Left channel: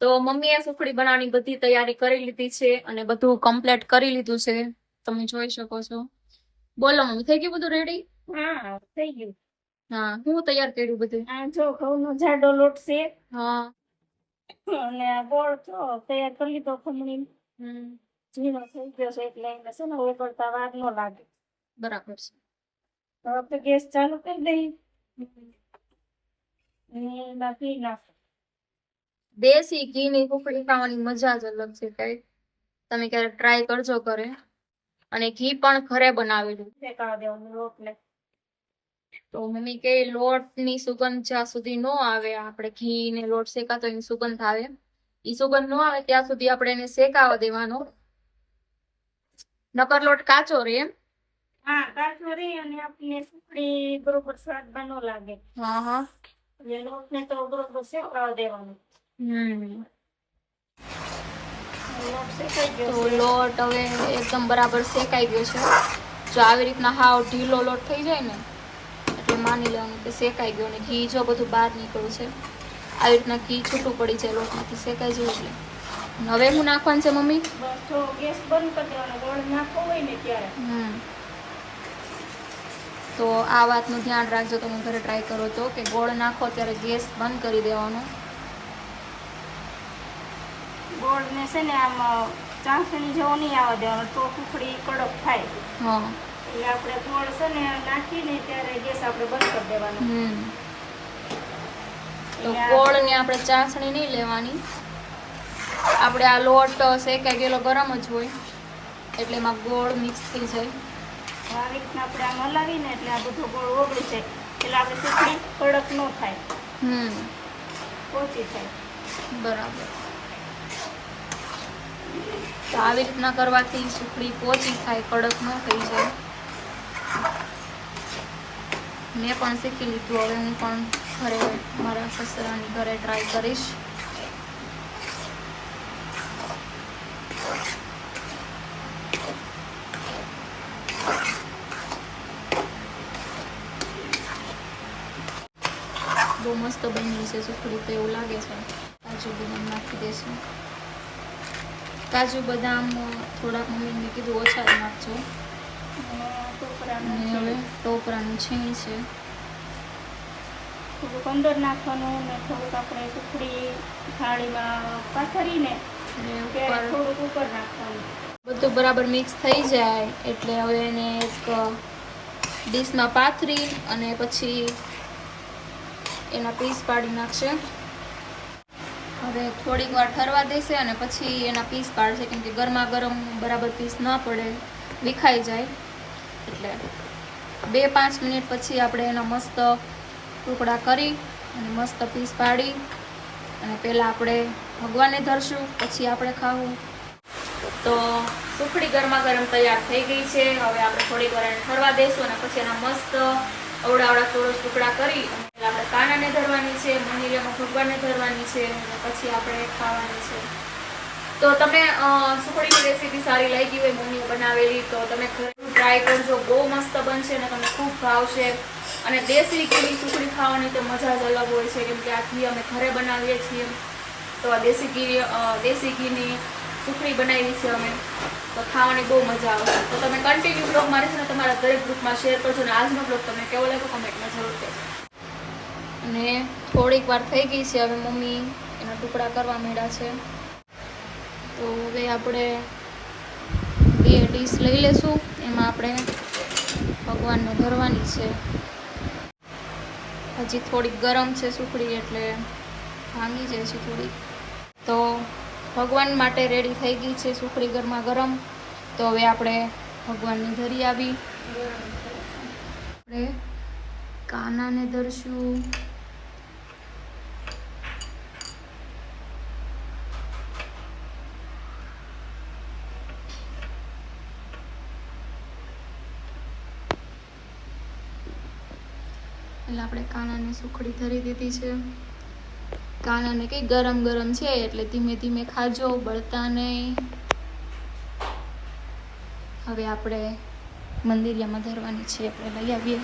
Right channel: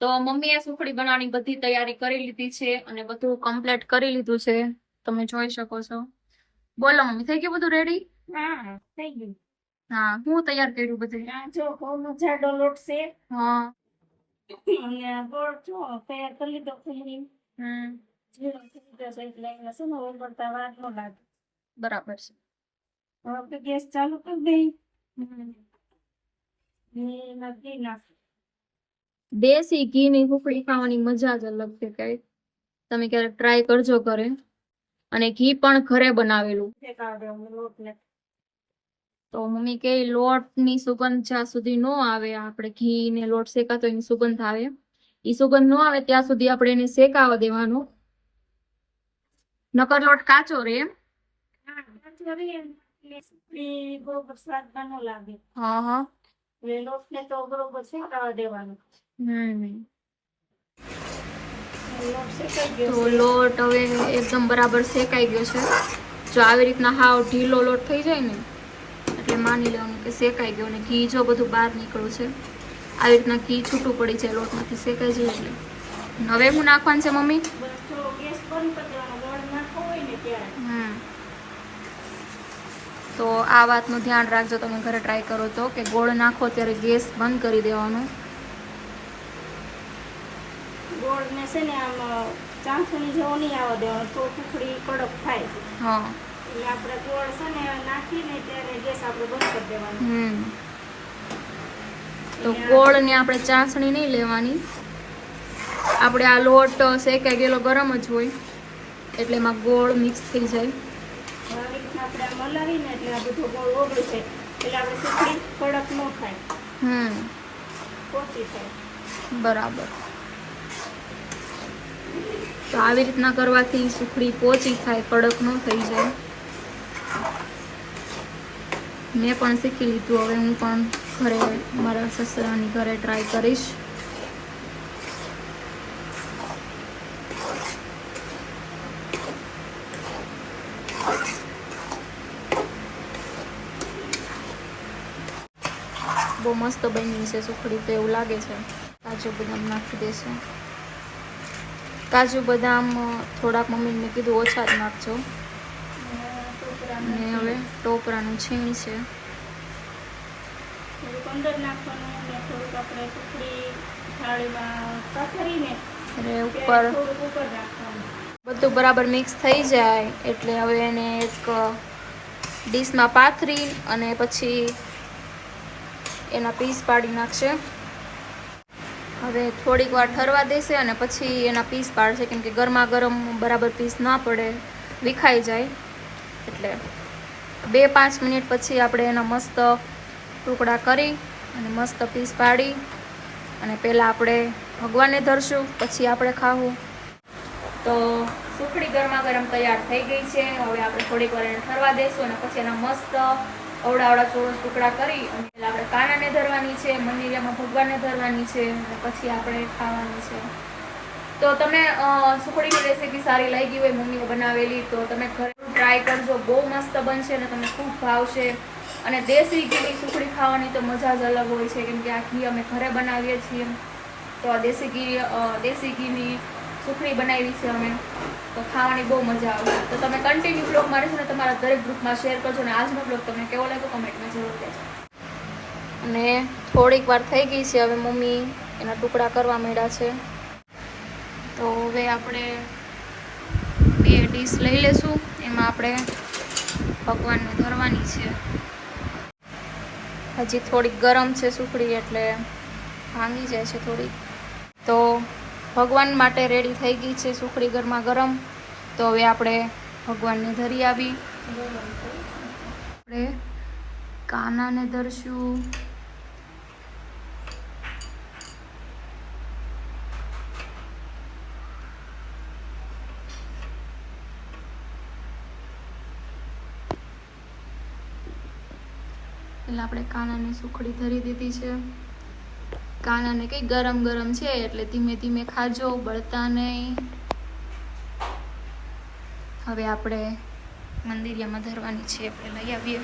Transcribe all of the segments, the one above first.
તો મમ્મીએ સુખડી બનાવવાની બધી તૈયારી કરી લીધી છે અને બધું કમ્પ્લીટ કરી લીધું છે. તમે જોઈ શકો છો. બોલો મમ્મી, થઈ ગયું બધું રેડી? હા થઈ ગયું. હા, હું તૈયાર કર્યું બધું. આ જો ઘઉંનો જાડો લોટ છે હા. અને આ ગોળ જો તૈયાર કરી લીધો ખમણી. ઝીણો થઈ ગયો છે એટલે એને છે ને ઓગળતા વાર ન લાગે. બરાબર છે. હવે આપણે ગેસ ચાલુ કરી દઈ અને એમાં ઘી નાખ. દેશી ઘીની સુખડી ખાવાની મજા જ અલગ છે. કઈ તમે ક્યારેક ટ્રાય કરજો ઘરે. અને ઘી પણ ઘરે બનાવેલું. શેકાવા દેવાનું લોટને. તો મમ્મી કે લોટની સુગંધ જ્યાં સુધી નો આવે, આપણે ઘી ને લોટ શેકાતો એની સુગંધ આવે, ઈ સુગંધ નો આવે ત્યાં સુધી આપણે એને શેકાવા દેવાનો. નકર લોટ કાચો રહે એમ. હા, કાચો રહે અને આપણે સુખડી બરોબર સ્વાદમાં ન લાગે. હા હા. એટલે લોટને તો બરોબર શેકાવા દેવાનો. લોટ શેકાઈ ગયો તો છે. લોટ હવે એકદમ બરાબર શેકાઈ ગયો છે. જો આવી રીતના હાવ ઢીલો લોટ થઈ જાય ને એટલે માની લેવાનું કે શેકાઈ ગયો. ને ઘી જો બધું બહાર નીકળ્યું છે. આવી રીતના ઘી છૂટું પડી જાય લોટમાંથી શેકાઈ જાય એટલે. હવે હું નાખવાનું છે મમ્મી? બસ જો ગેસ બંધ કરી દેવાનો. ગોળ નાખવો હોય ને ત્યારે. તો આ વાતનું ધ્યાન રાખજો, તમે ઘરે ટ્રાય કરો તો, કે ગોળ નાખો ત્યારે ગેસ બંધ કરી દેવાનો. ગોળ ને છે ને આમ ચાસણી જેવો નહીં આવવા દેવાનો, તો સુખડી કડક થાય. હા. એટલે આપણે ગોળ છે ને નાખીને ત્યારે ગેસ આપણે બંધ કરી દેવાનો. તો ગોળને આપણે ચાસણી નહીં લેવાની. આપણે આ લોટ શેકાઈ ગયેલો ગરમ જ હોય એટલે એમાં ગોળ મિક્સ થઈ જાય. આવી રીતના આપણે આમ હલાવીને એટલે આ બધો ગોળ ઓગળી જાય એટલે આપણે સુખડી કડક ન થાય, પોચી થાય. બરાબર. તો આવી રીતના કરવાથી સુખડી પોચી થાય, કડક ન થઈ જાય. મેં પણ શીખી લીધું. હવે હું પણ ઘરે મારા સસરાની ઘરે ટ્રાય કરીશ. બહુ મસ્ત બની છે સુખડી તો એવું લાગે છે. કાજુ બદામ નાખી દેશું. કાજુ બદામ થોડાક મમ્મીને મેં કીધું ઓછા જ નાખજો. અને હવે ટોપરાનું છીણ છે. થોડુંક અંદર નાખવાનું અને થોડુંક આપણે સુખડી થાળીમાં પાથરીને ઉપર થોડુંક ઉપર નાખવાનું. બધું બરાબર મિક્સ થઈ જાય એટલે હવે એને એક ડીશમાં પાથરી અને પછી એના પીસ પાડી નાખશે. હવે થોડીક વાર ઠરવા દેશે અને પછી એના પીસ પાડશે, કેમ કે ગરમા ગરમ બરાબર પીસ ના પડે, વિખાઈ જાય. એટલે 2-5 મિનિટ પછી આપણે એના મસ્ત ટુકડા કરી અને મસ્ત પીસ પાડી અને પહેલાં આપણે ભગવાનને ધરશું, પછી આપણે ખાવું. તો સુખડી ગરમા ગરમ તૈયાર થઈ ગઈ છે. હવે આપણે થોડીક વાર એને ઠરવા દઈશું અને પછી એના મસ્ત અવડા ચોરસ ટુકડા કરી અને આપણે કાનાને ધરવાની છે, મંદિરમાં ભગવાનને ધરવાની છે અને પછી આપણે ખાવાની છે. તો તમને સુખડીની રેસીપી સારી લાગી હોય મમ્મીએ બનાવેલી તો તમે ઘરે ટ્રાય કરજો. બહુ મસ્ત બનશે અને તમને ખૂબ ભાવશે. અને દેશી ઘીની સુખડી ખાવાની તો મજા જ અલગ હોય છે, કેમ કે આ ઘી અમે ઘરે બનાવીએ છીએ. તો આ દેશી ઘીની સુખડી બનાવી છે અમે, તો ખાવાની બહુ મજા આવશે. તો તમે કન્ટિન્યુ બ્લોગ મારી છે ને તમારા દરેક ગ્રુપમાં શેર કરજો. અને આજનો બ્લોગ તમને કેવો લાગ્યો કમેન્ટમાં જરૂર કહેજો. અને થોડીક વાર થઈ ગઈ છે. હવે મમ્મી એના ટુકડા કરવા માંડ્યા છે. તો હવે આપણે 2 ડીશ લઈ લેશું. એમાં આપણે ભગવાનને ધરવાની છે. હજી થોડીક ગરમ છે સુખડી એટલે ભાંગી જાય છે થોડીક. તો ભગવાન માટે રેડી થઈ ગઈ છે સુખડી ગરમા ગરમ. તો હવે આપણે ભગવાનને ધરી આવી. આપણે કાનાને ધરશું. એટલે આપણે કાનાને સુખડી ધરી દીધી છે. કાનાને કઈ ગરમ ગરમ છે એટલે ધીમે ધીમે ખાજો, બળતા નહીં. હવે આપણે મંદિરિયામાં ધરવાની છે. આપણે લઈ આવીએ.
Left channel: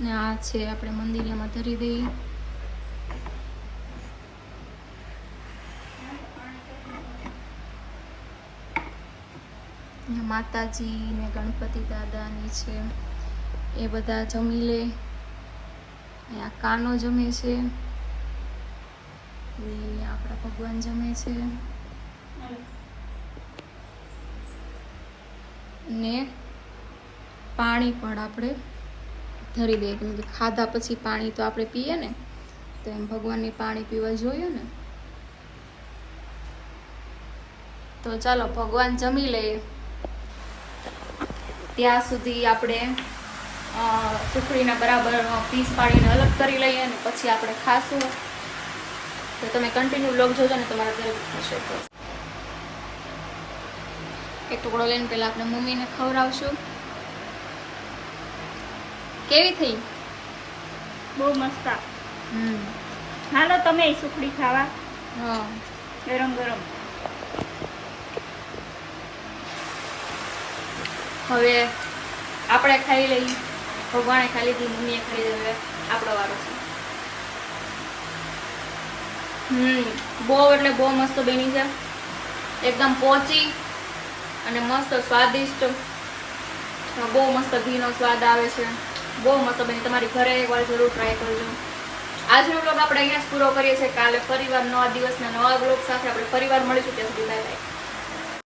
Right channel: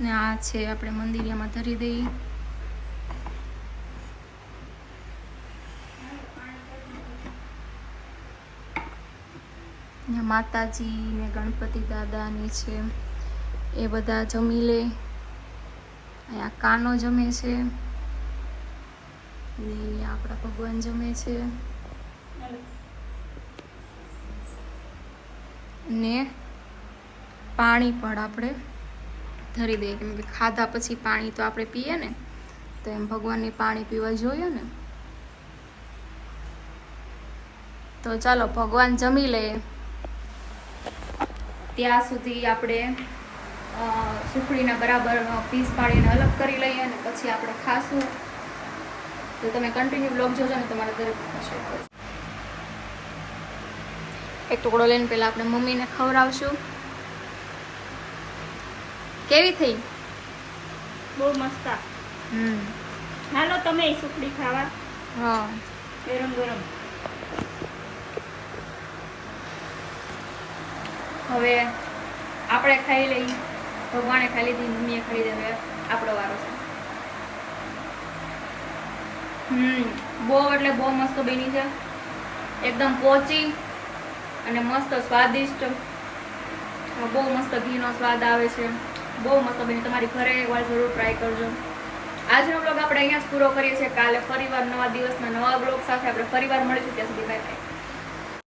ને આ છે આપણે મંદિરિયામાં ધરી દઈએ. અહીંયા માતાજી ને ગણપતિ દાદાની છે એ બધા જમી લે. અહીંયા કાનો જમે છે ને આપણા ભગવાન જમે છે ને પાણી પણ આપણે ધરી દઈએ કેમ કે ખાધા પછી પાણી તો આપણે પીએ ને, તો એમ ભગવાનને પાણી પીવા જોઈએ ને. તો ચાલો ભગવાન જમી લે ત્યાં સુધી આપણે સુખડીને બરાબર પીસ પાડીને અલગ કરી લઈએ અને પછી આપણે ખાશું. તો તમે કન્ટિન્યુ બ્લોગ જોજો ને તમારા ઘરે થશે. એક ટુકડો લઈને પહેલા આપણે મમ્મીને ખવડાવશું. કેવી થઈ? બહુ મસ્ત. હાલો તમે સુખડી ખાવા. હા, ગરમ ગરમ. હવે આપણે ખાઈ લઈ. ભગવાને ખાઈ લીધી, મમ્મીએ ખાઈ લીધી, હવે આપણો વારો છે. બહુ એટલે બહુ મસ્ત બની છે, એકદમ પોચી અને મસ્ત સ્વાદિષ્ટ. બહુ મસ્ત ઘીનો સ્વાદ આવે છે, બહુ મસ્ત બની. તમારી ઘરે એકવાર જરૂર ટ્રાય કરજો. આજનો બ્લોગ આપણે અહીંયા જ પૂરો કરીએ છીએ. કાલે ફરીવાર નવા દિવસના નવા બ્લોગ સાથે આપણે ફરીવાર મળીશું. ત્યાં સુધી બાય બાય.